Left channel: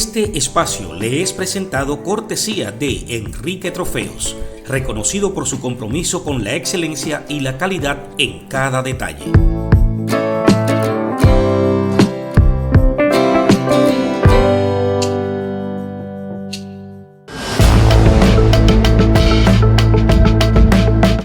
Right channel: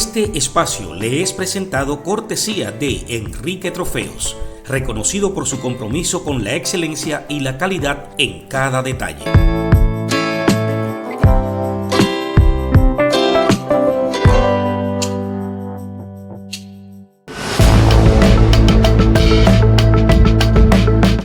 Este espacio le es presentado cortesía de Enrique Trofeos, reconocido por su compromiso con la excelencia y la calidad en cada detalle.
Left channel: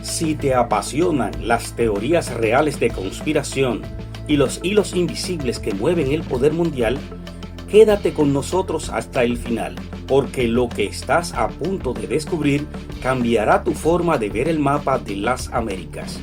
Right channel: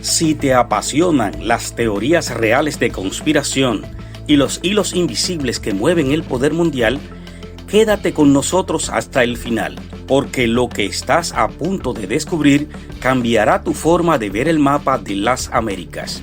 Si te apasionan las teorías reales de conspiración y los hilos invisibles que mueven el poder mundial, quédate con nosotros hasta el final, porque lo que estás a punto de descubrir cambiará tu forma de ver el mapa de las Américas.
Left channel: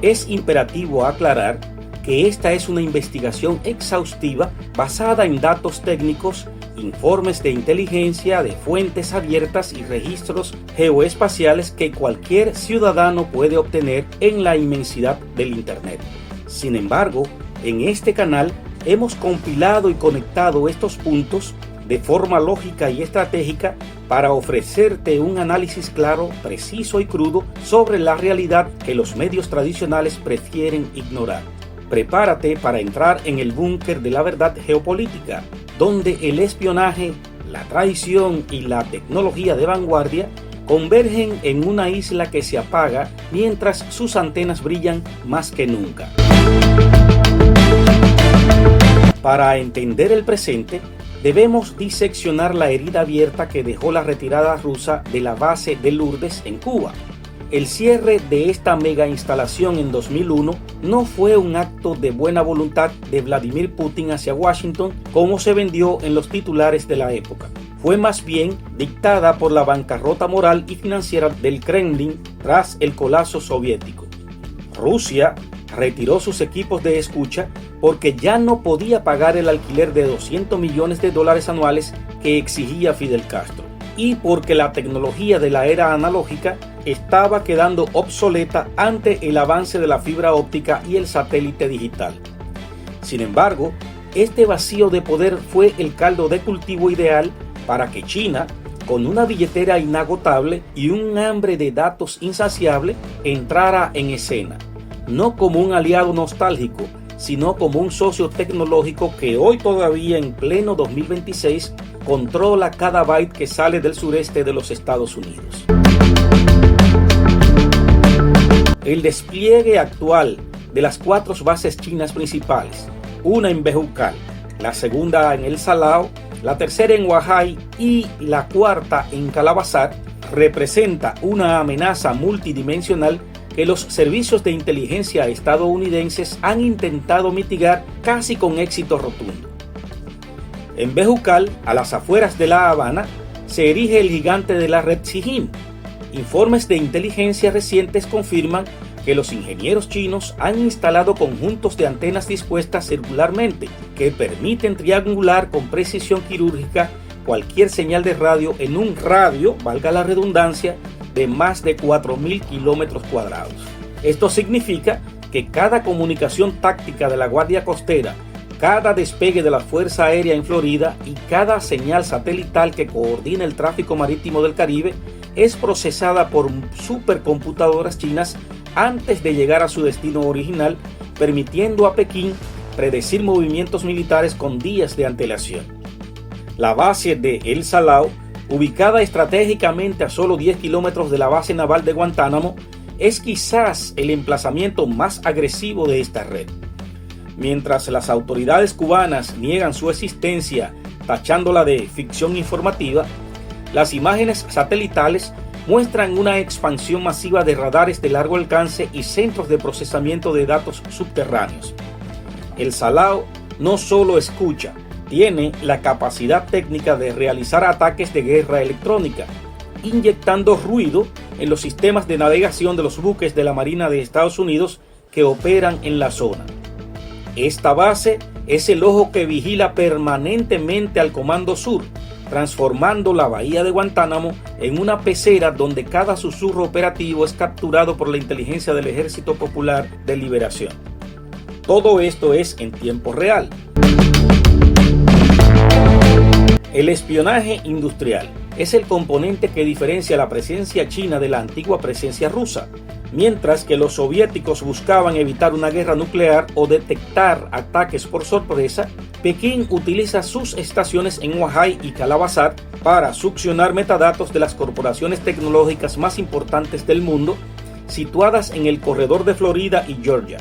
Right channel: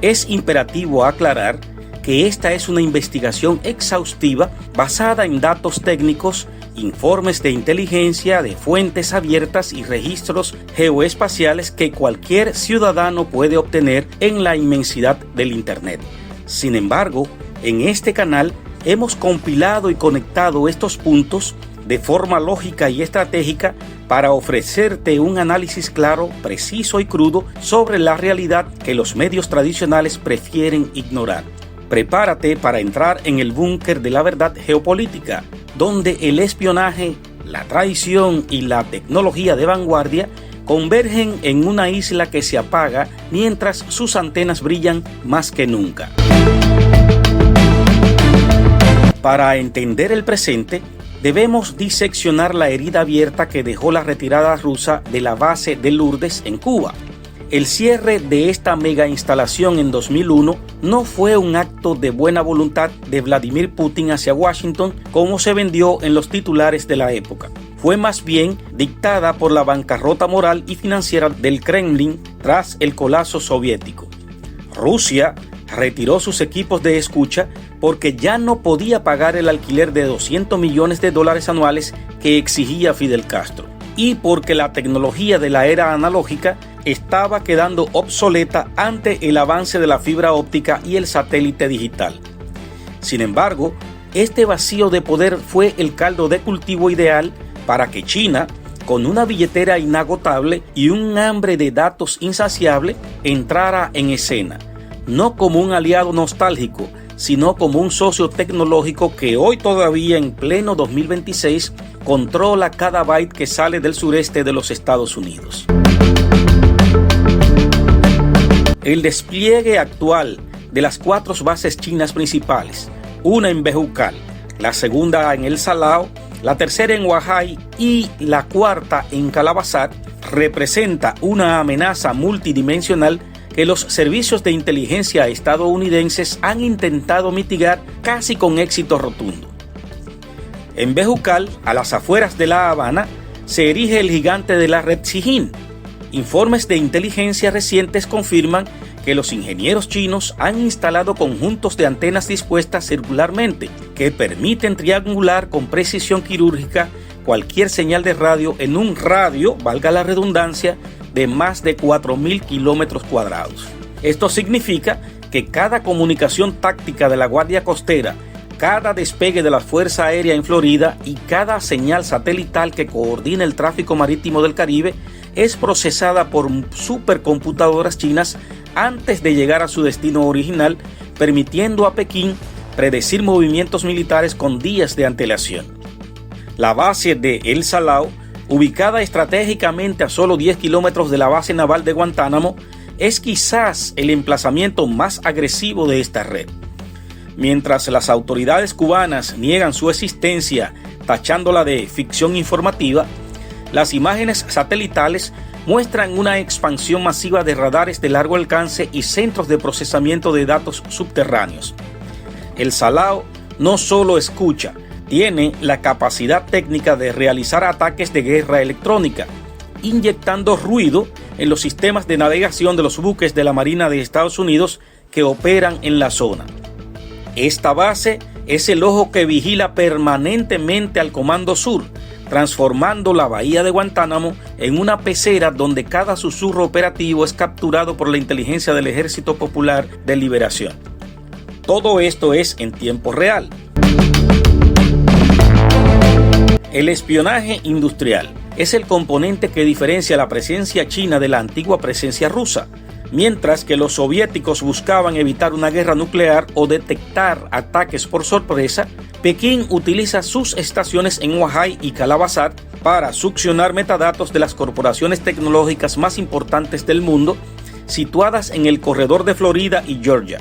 Es imperativo aclarar que esta es una investigación exhaustiva basada en datos técnicos, informes de inteligencia, de fuentes abiertas y registros geoespaciales que cualquier ciudadano puede obtener en la inmensidad del Internet. Sin embargo, en este canal hemos compilado y conectado estos puntos de forma lógica y estratégica para ofrecerte un análisis claro, preciso y crudo sobre la realidad que los medios tradicionales prefieren ignorar. Prepárate para entrar en el búnker de la verdad geopolítica, donde el espionaje, la traición y la tecnología de vanguardia convergen en una isla que se apaga mientras sus antenas brillan más que nunca. Para entender el presente, debemos diseccionar la herida abierta que dejó la retirada rusa de la base de Lourdes en Cuba. El cierre de esta mega instalación en 2001 no fue un acto de buena voluntad de Vladimir Putin hacia Washington como se vendió en los titulares de la época. Fue más bien dictada por la bancarrota moral y financiera del Kremlin tras el colapso soviético. Rusia retiró sus equipos de escucha porque ya no podía pagar el alquiler de $200 millones anuales que exigía Fidel Castro, y porque la tecnología de la era analógica estaba quedando obsoleta ante el avance de la fibra óptica y el satélite digital. Sin embargo, este vacío de poder fue el caldo de cultivo ideal para que China, con una billetera inagotable y un hambre de datos insaciable, entrara en escena, no como un aliado nostálgico, sino como un socio tecnológico que hoy todavía en pleno 2026 controla cada byte que sale del sureste de los Estados Unidos. El despliegue actual de las 4 bases chinas principales, una en Bejucal, la segunda en El Salao, la tercera en Huajai y la cuarta en Calabazar, representa una amenaza multidimensional que los servicios de inteligencia estadounidenses han intentado mitigar casi con éxito rotundo. En Bejucal, a las afueras de La Habana, se erige el gigante de la red Sijín. Informes de inteligencia recientes confirman que los ingenieros chinos han instalado conjuntos de antenas dispuestas circularmente que permiten triangular con precisión quirúrgica cualquier señal de radio en un radio, valga la redundancia, de más de 4.000 kilómetros cuadrados. Esto significa que cada comunicación táctica de la Guardia Costera, cada despegue de la Fuerza Aérea en Florida y cada señal satelital que coordina el tráfico marítimo del Caribe es procesada por supercomputadoras chinas antes de llegar a su destino original, permitiendo a Pekín predecir movimientos militares con días de antelación. La base de El Salao, ubicada estratégicamente a solo 10 kilómetros de la base naval de Guantánamo, es quizás el emplazamiento más agresivo de esta red. Mientras las autoridades cubanas niegan su existencia, tachándola de ficción informativa, las imágenes satelitales muestran una expansión masiva de radares de largo alcance y centros de procesamiento de datos subterráneos. El Salao no solo escucha, tiene la capacidad técnica de realizar ataques de guerra electrónica, inyectando ruido en los sistemas de navegación de los buques de la Marina de Estados Unidos que operan en la zona. Esta base es el ojo que vigila permanentemente al Comando Sur, transformando la bahía de Guantánamo en una pecera donde cada susurro operativo es capturado por la inteligencia del Ejército Popular de Liberación. Todo esto es en tiempo real. El espionaje industrial es el componente que diferencia la presencia china de la antigua presencia rusa. Mientras que los soviéticos buscaban evitar una guerra nuclear o detectar ataques por sorpresa, Pekín utiliza sus estaciones en Huaihai y Calabazar para succionar metadatos de las corporaciones tecnológicas más importantes del mundo, situadas en el corredor de Florida y Georgia.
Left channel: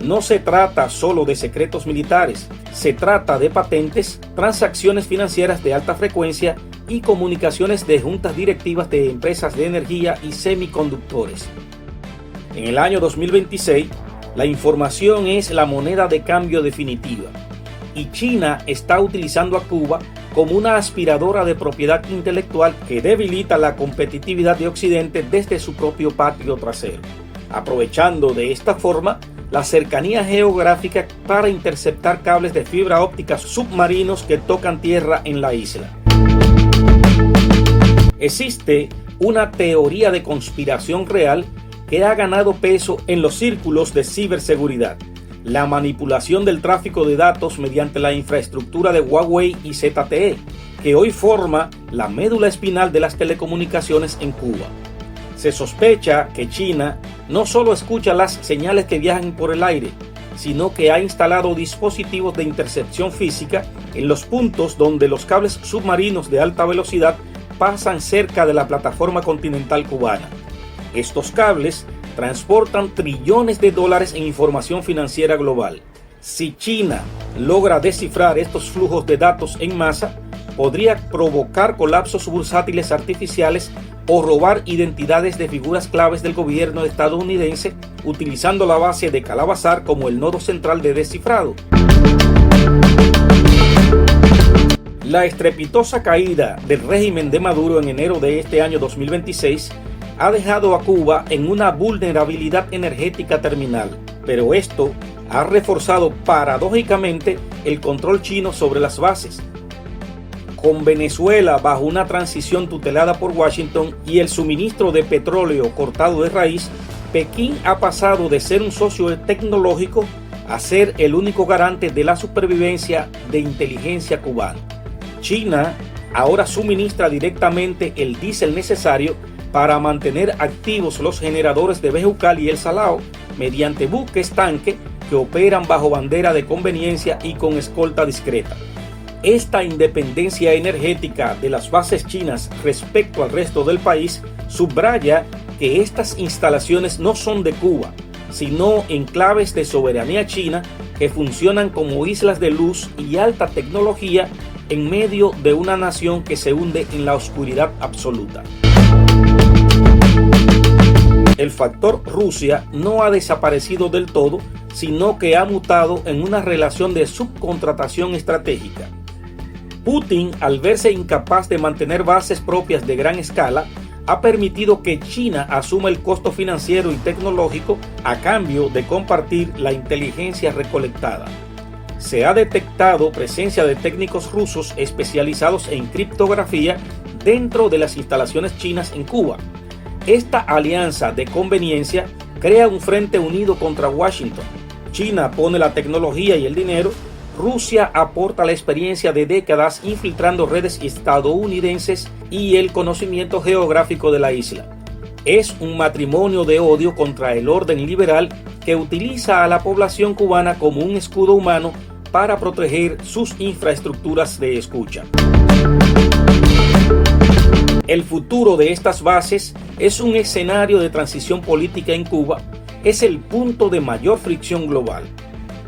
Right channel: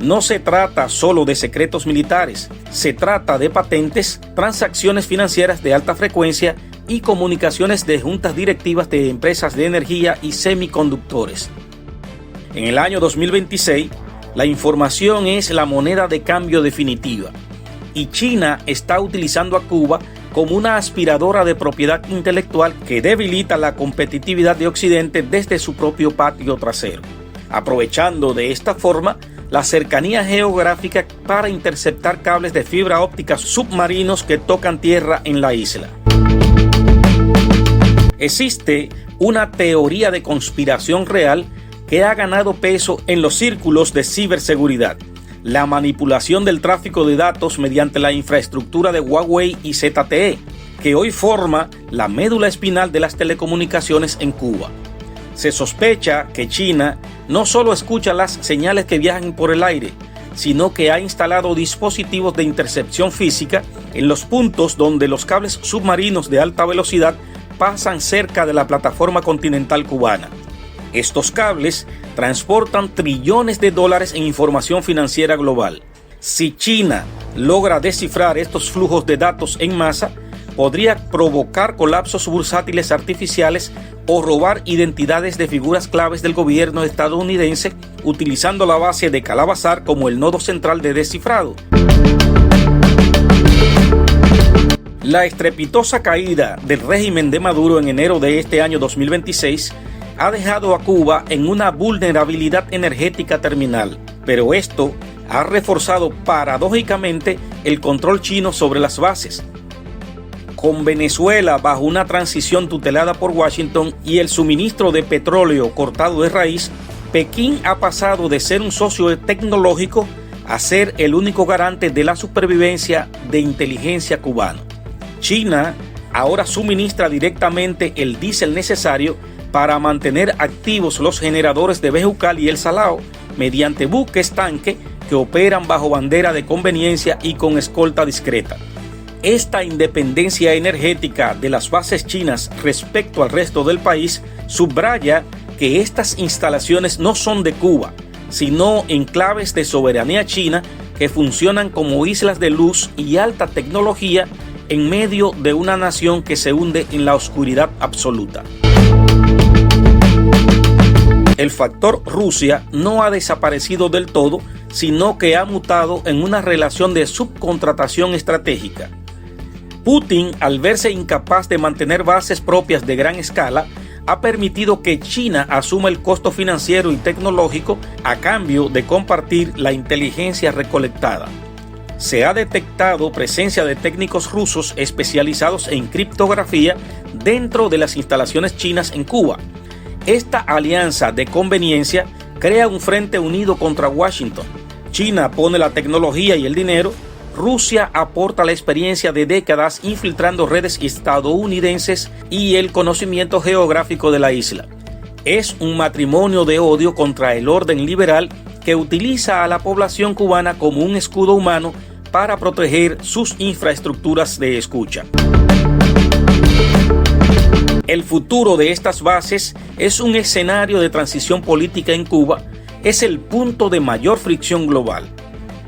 No se trata solo de secretos militares, se trata de patentes, transacciones financieras de alta frecuencia y comunicaciones de juntas directivas de empresas de energía y semiconductores. En el año 2026, la información es la moneda de cambio definitiva, y China está utilizando a Cuba como una aspiradora de propiedad intelectual que debilita la competitividad de Occidente desde su propio patio trasero, aprovechando de esta forma la cercanía geográfica para interceptar cables de fibra óptica submarinos que tocan tierra en la isla. Existe una teoría de conspiración real que ha ganado peso en los círculos de ciberseguridad: la manipulación del tráfico de datos mediante la infraestructura de Huawei y ZTE, que hoy forma la médula espinal de las telecomunicaciones en Cuba. Se sospecha que China no solo escucha las señales que viajan por el aire, sino que ha instalado dispositivos de intercepción física en los puntos donde los cables submarinos de alta velocidad pasan cerca de la plataforma continental cubana. Estos cables transportan trillones de dólares en información financiera global. Si China logra descifrar estos flujos de datos en masa, podría provocar colapsos bursátiles artificiales o robar identidades de figuras claves del gobierno estadounidense, utilizando la base de Calabazar como el nodo central de descifrado. La estrepitosa caída del régimen de Maduro en enero de este año 2026 ha dejado a Cuba en una vulnerabilidad energética terminal, pero esto ha reforzado paradójicamente el control chino sobre las bases. Con Venezuela bajo una transición tutelada por Washington y el suministro de petróleo cortado de raíz, Pekín ha pasado de ser un socio tecnológico a ser el único garante de la supervivencia de inteligencia cubana. China ahora suministra directamente el diésel necesario para mantener activos los generadores de Bejucal y El Salao mediante buques tanque que operan bajo bandera de conveniencia y con escolta discreta. Esta independencia energética de las bases chinas respecto al resto del país subraya que estas instalaciones no son de Cuba, sino enclaves de soberanía china que funcionan como islas de luz y alta tecnología en medio de una nación que se hunde en la oscuridad absoluta. El factor Rusia no ha desaparecido del todo, sino que ha mutado en una relación de subcontratación estratégica. Putin, al verse incapaz de mantener bases propias de gran escala, ha permitido que China asuma el costo financiero y tecnológico a cambio de compartir la inteligencia recolectada. Se ha detectado presencia de técnicos rusos especializados en criptografía dentro de las instalaciones chinas en Cuba. Esta alianza de conveniencia crea un frente unido contra Washington. China pone la tecnología y el dinero, Rusia aporta la experiencia de décadas infiltrando redes estadounidenses y el conocimiento geográfico de la isla. Es un matrimonio de odio contra el orden liberal que utiliza a la población cubana como un escudo humano para proteger sus infraestructuras de escucha. El futuro de estas bases es un escenario de transición política en Cuba, es el punto de mayor fricción global.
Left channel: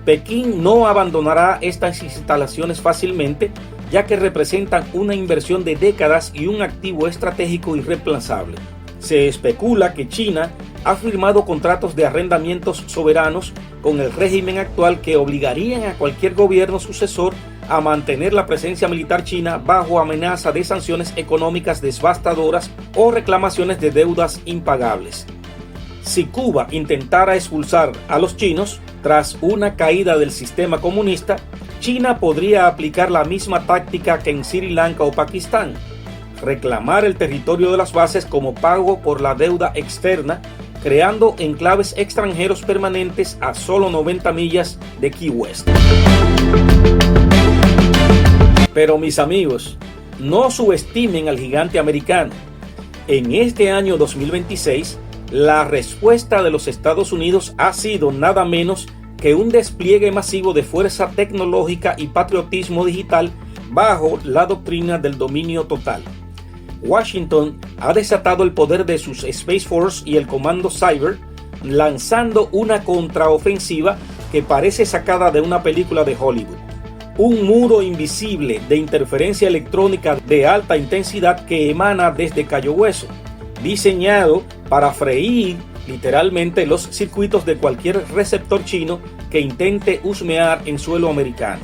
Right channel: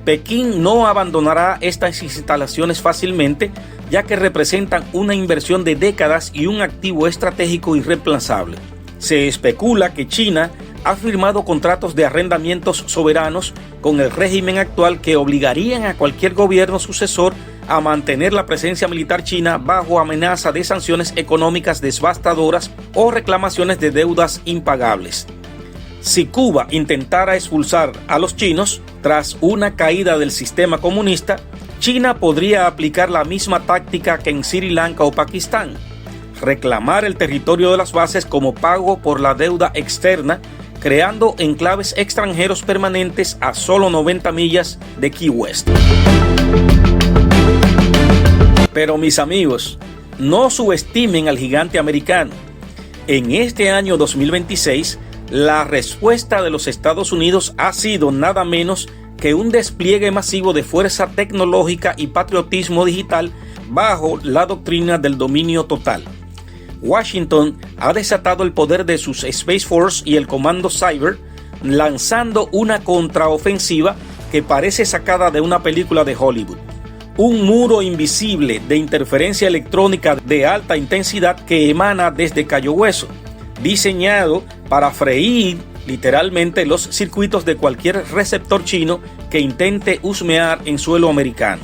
Pekín no abandonará estas instalaciones fácilmente, ya que representan una inversión de décadas y un activo estratégico irreemplazable. Se especula que China ha firmado contratos de arrendamientos soberanos con el régimen actual que obligarían a cualquier gobierno sucesor a mantener la presencia militar china bajo amenaza de sanciones económicas devastadoras o reclamaciones de deudas impagables. Si Cuba intentara expulsar a los chinos tras una caída del sistema comunista, China podría aplicar la misma táctica que en Sri Lanka o Pakistán: reclamar el territorio de las bases como pago por la deuda externa, creando enclaves extranjeros permanentes a solo 90 millas de Key West. Pero mis amigos, no subestimen al gigante americano. En este año 2026, la respuesta de los Estados Unidos ha sido nada menos que un despliegue masivo de fuerza tecnológica y patriotismo digital bajo la doctrina del dominio total. Washington ha desatado el poder de sus Space Force y el Comando Cyber, lanzando una contraofensiva que parece sacada de una película de Hollywood. Un muro invisible de interferencia electrónica de alta intensidad que emana desde Cayo Hueso, diseñado para freír literalmente los circuitos de cualquier receptor chino que intente husmear en suelo americano.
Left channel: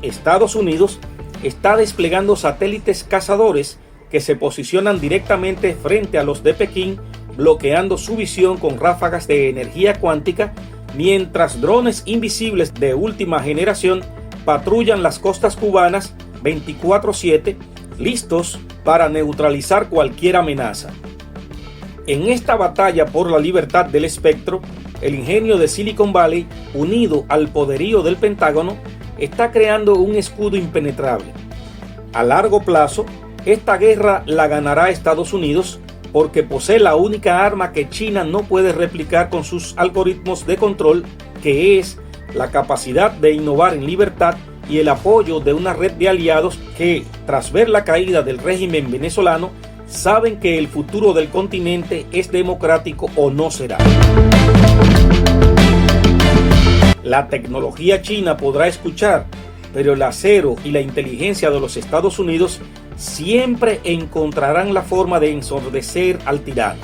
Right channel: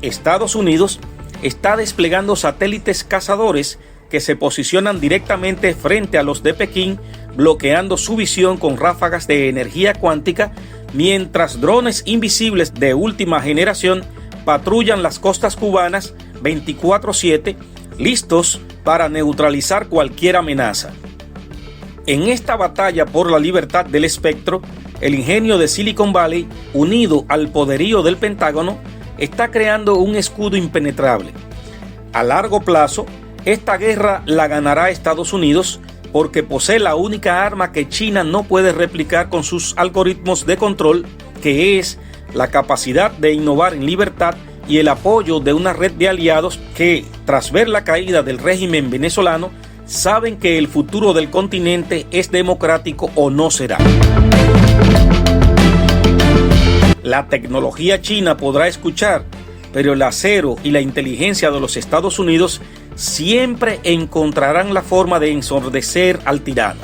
Estados Unidos está desplegando satélites cazadores que se posicionan directamente frente a los de Pekín, bloqueando su visión con ráfagas de energía cuántica, mientras drones invisibles de última generación patrullan las costas cubanas 24/7, listos para neutralizar cualquier amenaza. En esta batalla por la libertad del espectro, el ingenio de Silicon Valley, unido al poderío del Pentágono, está creando un escudo impenetrable. A largo plazo, esta guerra la ganará Estados Unidos porque posee la única arma que China no puede replicar con sus algoritmos de control, que es la capacidad de innovar en libertad y el apoyo de una red de aliados que, tras ver la caída del régimen venezolano, saben que el futuro del continente es democrático o no será. La tecnología china podrá escuchar, pero el acero y la inteligencia de los Estados Unidos siempre encontrarán la forma de ensordecer al tirano.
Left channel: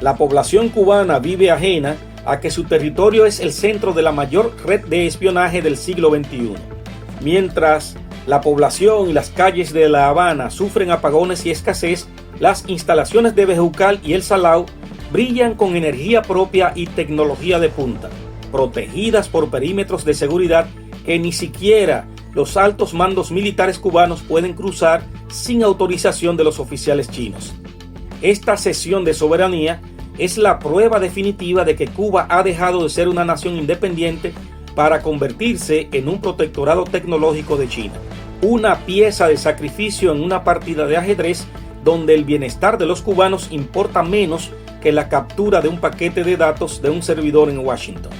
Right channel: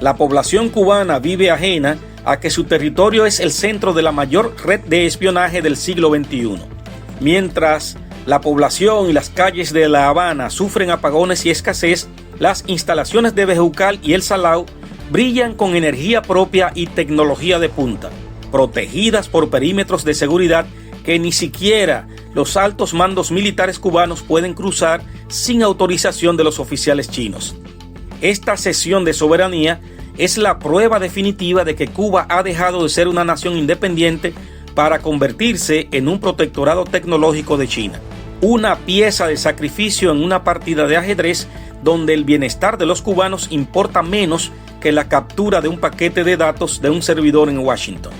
La población cubana vive ajena a que su territorio es el centro de la mayor red de espionaje del siglo XXI. Mientras la población y las calles de La Habana sufren apagones y escasez, las instalaciones de Bejucal y El Salao brillan con energía propia y tecnología de punta, protegidas por perímetros de seguridad que ni siquiera los altos mandos militares cubanos pueden cruzar sin autorización de los oficiales chinos. Esta cesión de soberanía es la prueba definitiva de que Cuba ha dejado de ser una nación independiente para convertirse en un protectorado tecnológico de China. Una pieza de sacrificio en una partida de ajedrez donde el bienestar de los cubanos importa menos que la captura de un paquete de datos de un servidor en Washington.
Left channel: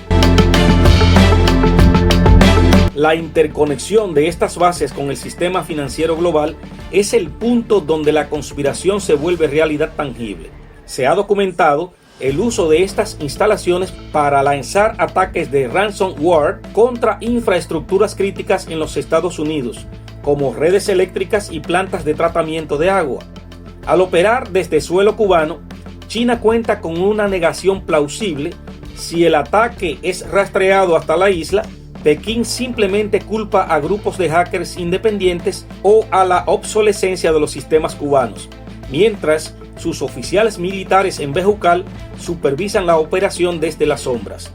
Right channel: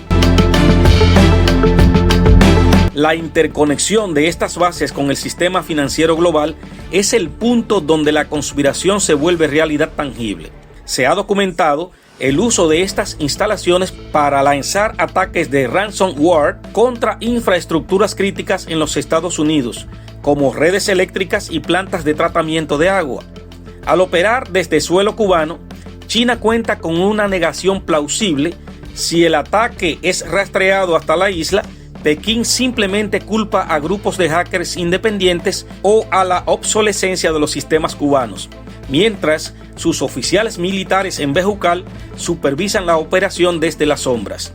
La interconexión de estas bases con el sistema financiero global es el punto donde la conspiración se vuelve realidad tangible. Se ha documentado el uso de estas instalaciones para lanzar ataques de ransomware contra infraestructuras críticas en los Estados Unidos, como redes eléctricas y plantas de tratamiento de agua. Al operar desde suelo cubano, China cuenta con una negación plausible. Si el ataque es rastreado hasta la isla, Pekín simplemente culpa a grupos de hackers independientes o a la obsolescencia de los sistemas cubanos, mientras sus oficiales militares en Bejucal supervisan la operación desde las sombras.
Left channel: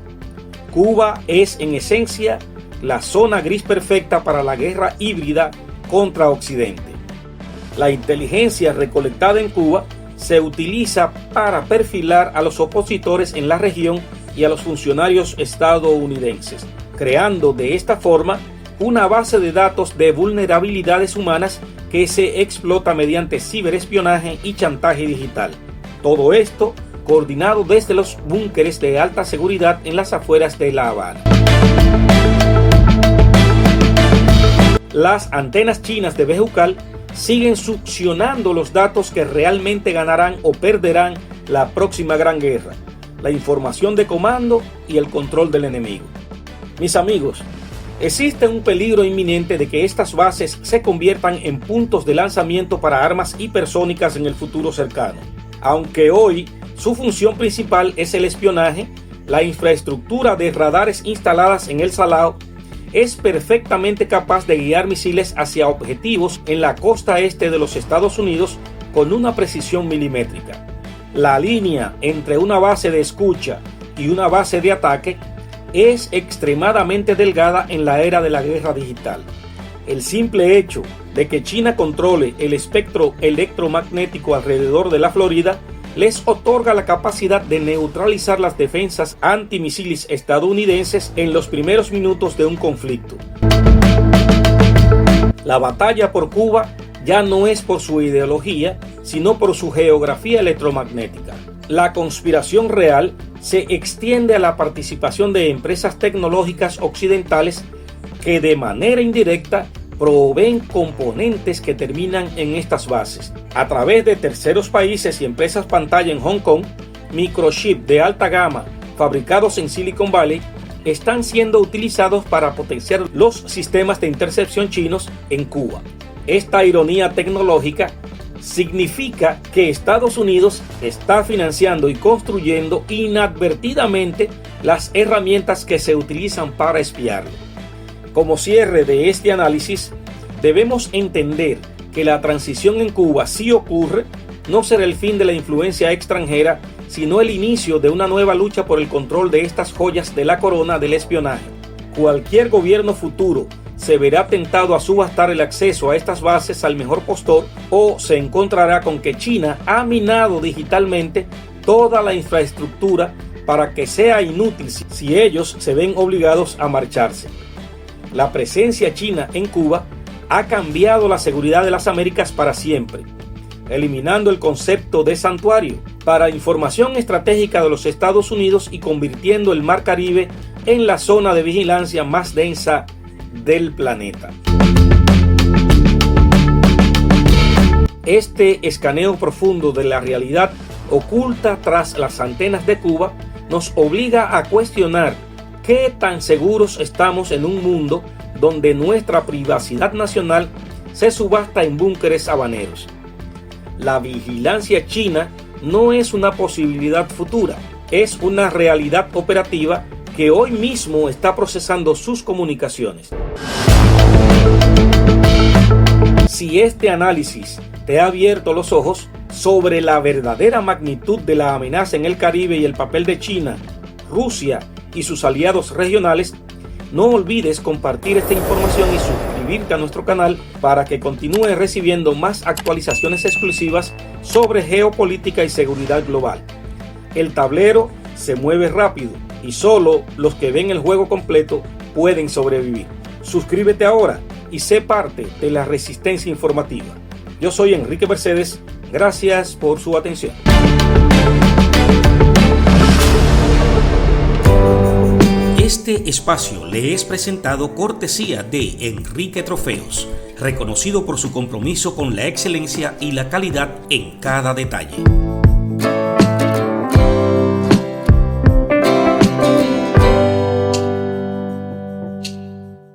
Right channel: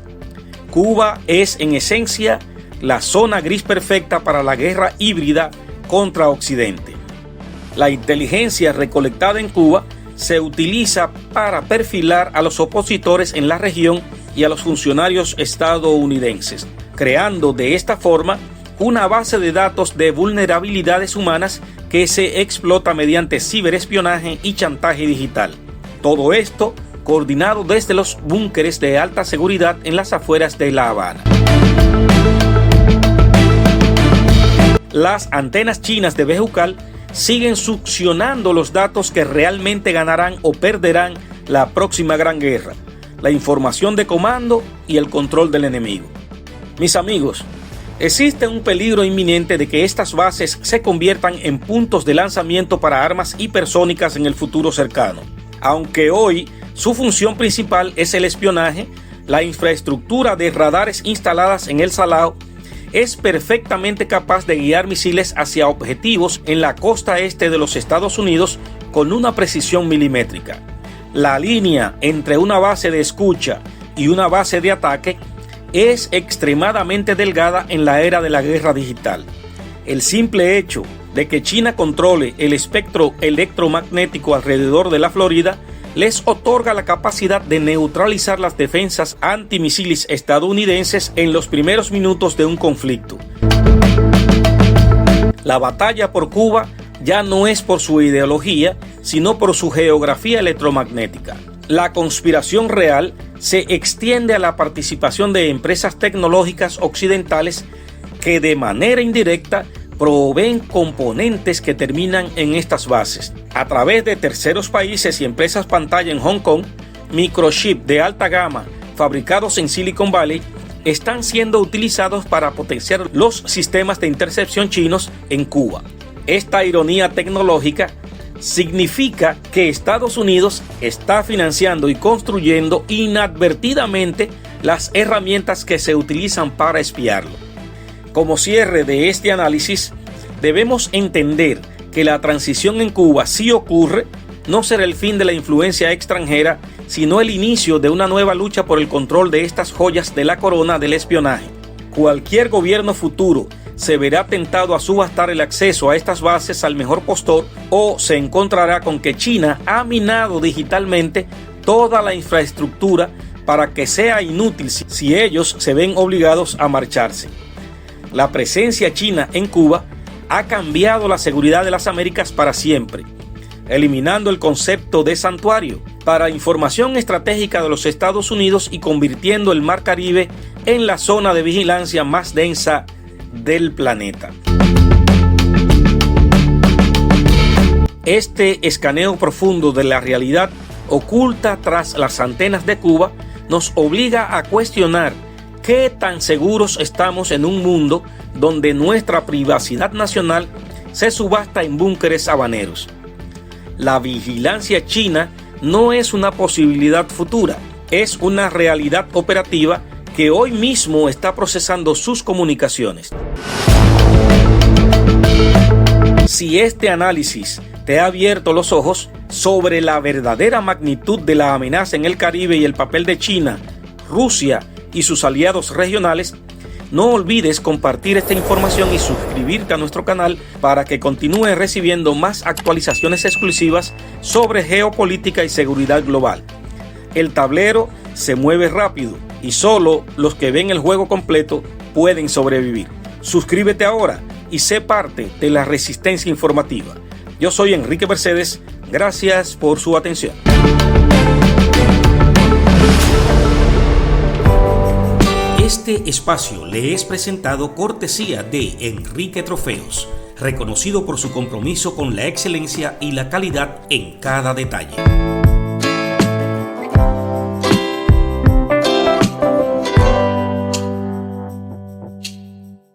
Cuba es en esencia la zona gris perfecta para la guerra híbrida contra Occidente. La inteligencia recolectada en Cuba se utiliza para perfilar a los opositores en la región y a los funcionarios estadounidenses, creando de esta forma una base de datos de vulnerabilidades humanas que se explota mediante ciberespionaje y chantaje digital. Todo esto coordinado desde los búnkeres de alta seguridad en las afueras de La Habana. Las antenas chinas de Bejucal siguen succionando los datos que realmente ganarán o perderán la próxima gran guerra: la información de comando y el control del enemigo. Mis amigos, existe un peligro inminente de que estas bases se conviertan en puntos de lanzamiento para armas hipersónicas en el futuro cercano. Aunque hoy su función principal es el espionaje, la infraestructura de radares instaladas en El Salao es perfectamente capaz de guiar misiles hacia objetivos en la costa este de los Estados Unidos con una precisión milimétrica. La línea entre una base de escucha y una base de ataque es extremadamente delgada en la era de la guerra digital. El simple hecho de que China controle el espectro electromagnético alrededor de la Florida les otorga la capacidad de neutralizar las defensas antimisiles estadounidenses en los primeros minutos de un conflicto. La batalla por Cuba ya no es por su ideología, sino por su geografía electromagnética. La conspiración real se extiende a la participación de empresas tecnológicas occidentales que de manera indirecta proveen componentes que terminan en estas bases. A través de terceros países y empresas pantalla en Hong Kong, microchips de alta gama fabricados en Silicon Valley están siendo utilizados para potenciar los sistemas de intercepción chinos en Cuba. Esta ironía tecnológica significa que Estados Unidos está financiando y construyendo inadvertidamente las herramientas que se utilizan para espiarlo. Como cierre de este análisis, debemos entender que la transición en Cuba, si ocurre, no será el fin de la influencia extranjera, sino el inicio de una nueva lucha por el control de estas joyas de la corona del espionaje. Cualquier gobierno futuro se verá tentado a subastar el acceso a estas bases al mejor postor, o se encontrará con que China ha minado digitalmente toda la infraestructura para que sea inútil si ellos se ven obligados a marcharse. La presencia china en Cuba ha cambiado la seguridad de las Américas para siempre, eliminando el concepto de santuario para información estratégica de los Estados Unidos y convirtiendo el Mar Caribe en la zona de vigilancia más densa del planeta. Este escaneo profundo de la realidad oculta tras las antenas de Cuba nos obliga a cuestionar qué tan seguros estamos en un mundo donde nuestra privacidad nacional se subasta en búnkeres habaneros. La vigilancia china no es una posibilidad futura, es una realidad operativa que hoy mismo está procesando sus comunicaciones. Si este análisis te ha abierto los ojos sobre la verdadera magnitud de la amenaza en el Caribe y el papel de China, Rusia y sus aliados regionales, no olvides compartir esta información y suscribirte a nuestro canal para que continúes recibiendo más actualizaciones exclusivas sobre geopolítica y seguridad global. El tablero se mueve rápido y solo los que ven el juego completo pueden sobrevivir. Suscríbete ahora y sé parte de la resistencia informativa. Yo soy Enrique Mercedes. Gracias por su atención. Este espacio le es presentado cortesía de Enrique Trofeos, reconocido por su compromiso con la excelencia y la calidad en cada detalle.